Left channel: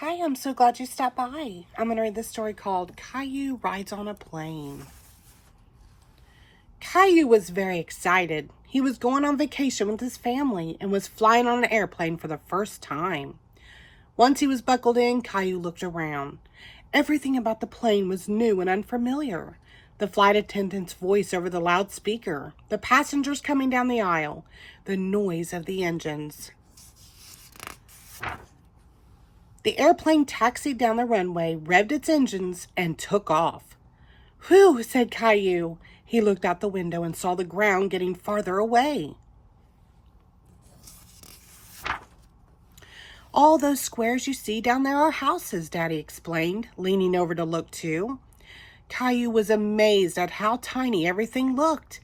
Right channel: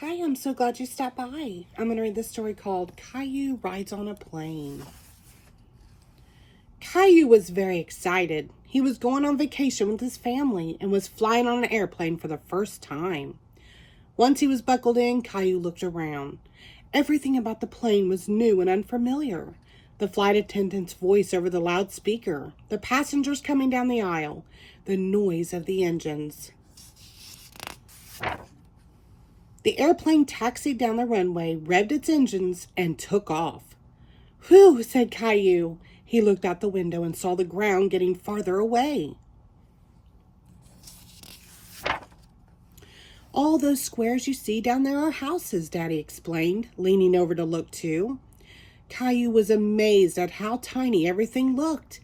Hi, I'm so glad you stopped by. I'm going to read this story called Caillou Rides on a Plane. Caillou was very excited. He was going on vacation with his family and was flying on an airplane for the first time. Once he was buckled in, Caillou looked around. Everything about the plane was new and unfamiliar. The flight attendant's voice over the loudspeaker, the passengers coming down the aisle, the noise of the engines. The airplane taxied down the runway, revved its engines, and took off. "Whew," said Caillou. He looked out the window and saw the ground getting farther away. "All those squares you see down there are houses," Daddy explained, leaning over to look too. Caillou was amazed at how tiny everything looked.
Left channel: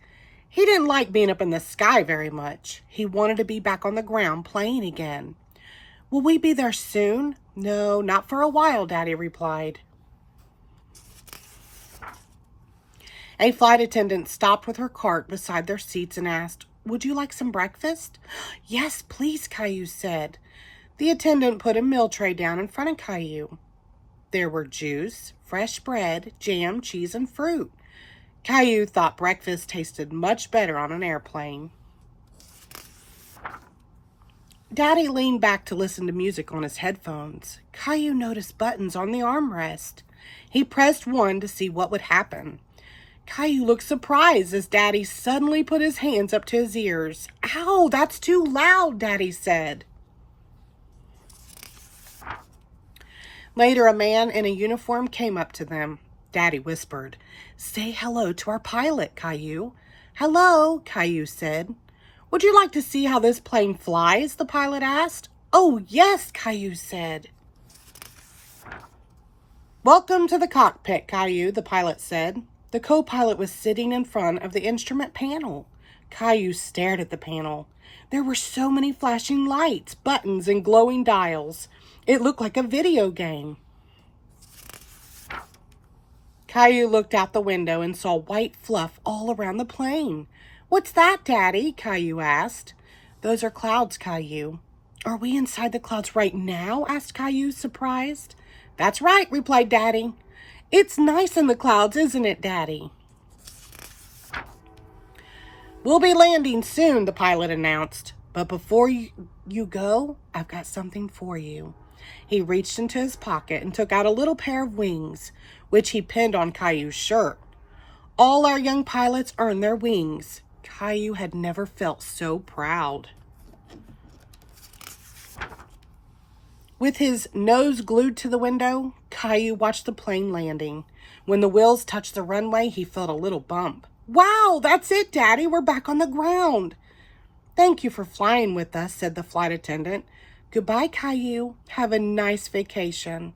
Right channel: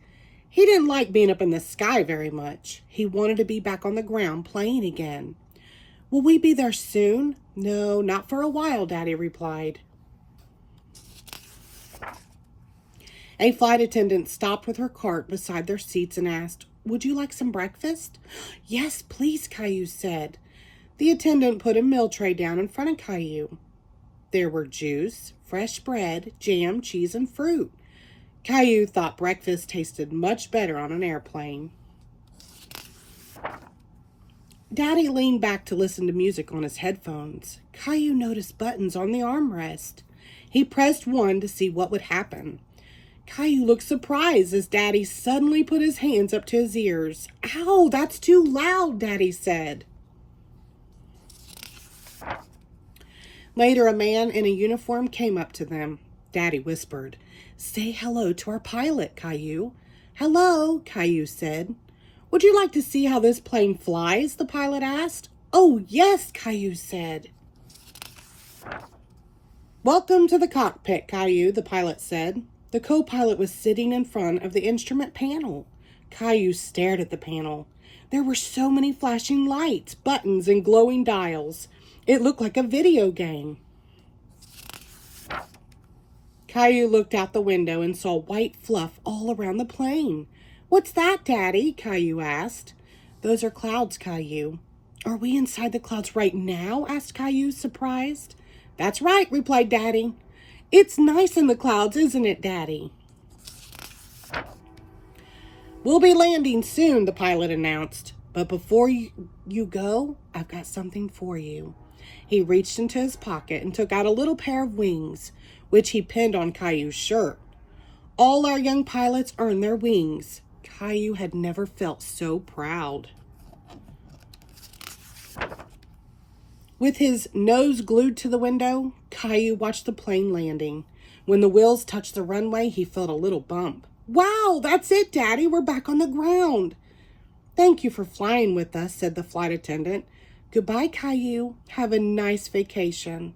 He didn't like being up in the sky very much. He wanted to be back on the ground playing again. "Will we be there soon?" "No, not for a while," Daddy replied. A flight attendant stopped with her cart beside their seats and asked, "Would you like some breakfast?" "Yes, please," Caillou said. The attendant put a meal tray down in front of Caillou. There were juice, fresh bread, jam, cheese, and fruit. Caillou thought breakfast tasted much better on an airplane. Daddy leaned back to listen to music on his headphones. Caillou noticed buttons on the armrest. He pressed one to see what would happen. Caillou looked surprised as Daddy suddenly put his hands up to his ears. "Ow, that's too loud," Daddy said. Later, a man in a uniform came up to them. Daddy whispered, "Say hello to our pilot, Caillou." "Hello," Caillou said. "Would you like to see how this plane flies?" the pilot asked. "Oh, yes," Caillou said. "Welcome to the cockpit, Caillou," the pilot said. The co-pilot was sitting in front of the instrument panel. Caillou stared at the panel. There were so many flashing lights, buttons, and glowing dials. It looked like a video game. Caillou looked out the window and saw white fluff all around the plane. "What's that, Daddy?" Caillou asked. "Those are clouds, Caillou." "Are we inside the clouds right now?" asked Caillou, surprised. "That's right," replied Daddy. "It's nice in the clouds, isn't it, Daddy?" "We'll be landing soon," the pilot announced. "But before you go, I've got something for you." He reached into his pocket and took out a little pair of wings, which he pinned on Caillou's shirt. "All our young pilots earn their wings." Caillou had never felt so proud. With his nose glued to the window, Caillou watched the plane landing. When the wheels touched the runway, he felt a little bump. "Wow, that's it, Daddy. We're back on the ground." "Thank you for flying with us," said the flight attendant. "Goodbye, Caillou. Have a nice vacation."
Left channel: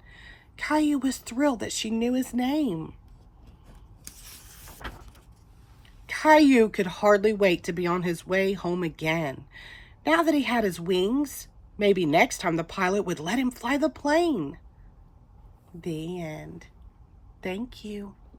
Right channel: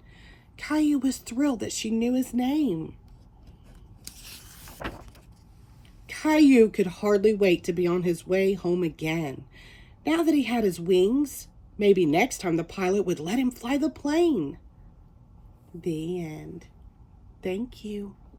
Caillou was thrilled that she knew his name. Caillou could hardly wait to be on his way home again. Now that he had his wings, maybe next time the pilot would let him fly the plane. The end. Thank you.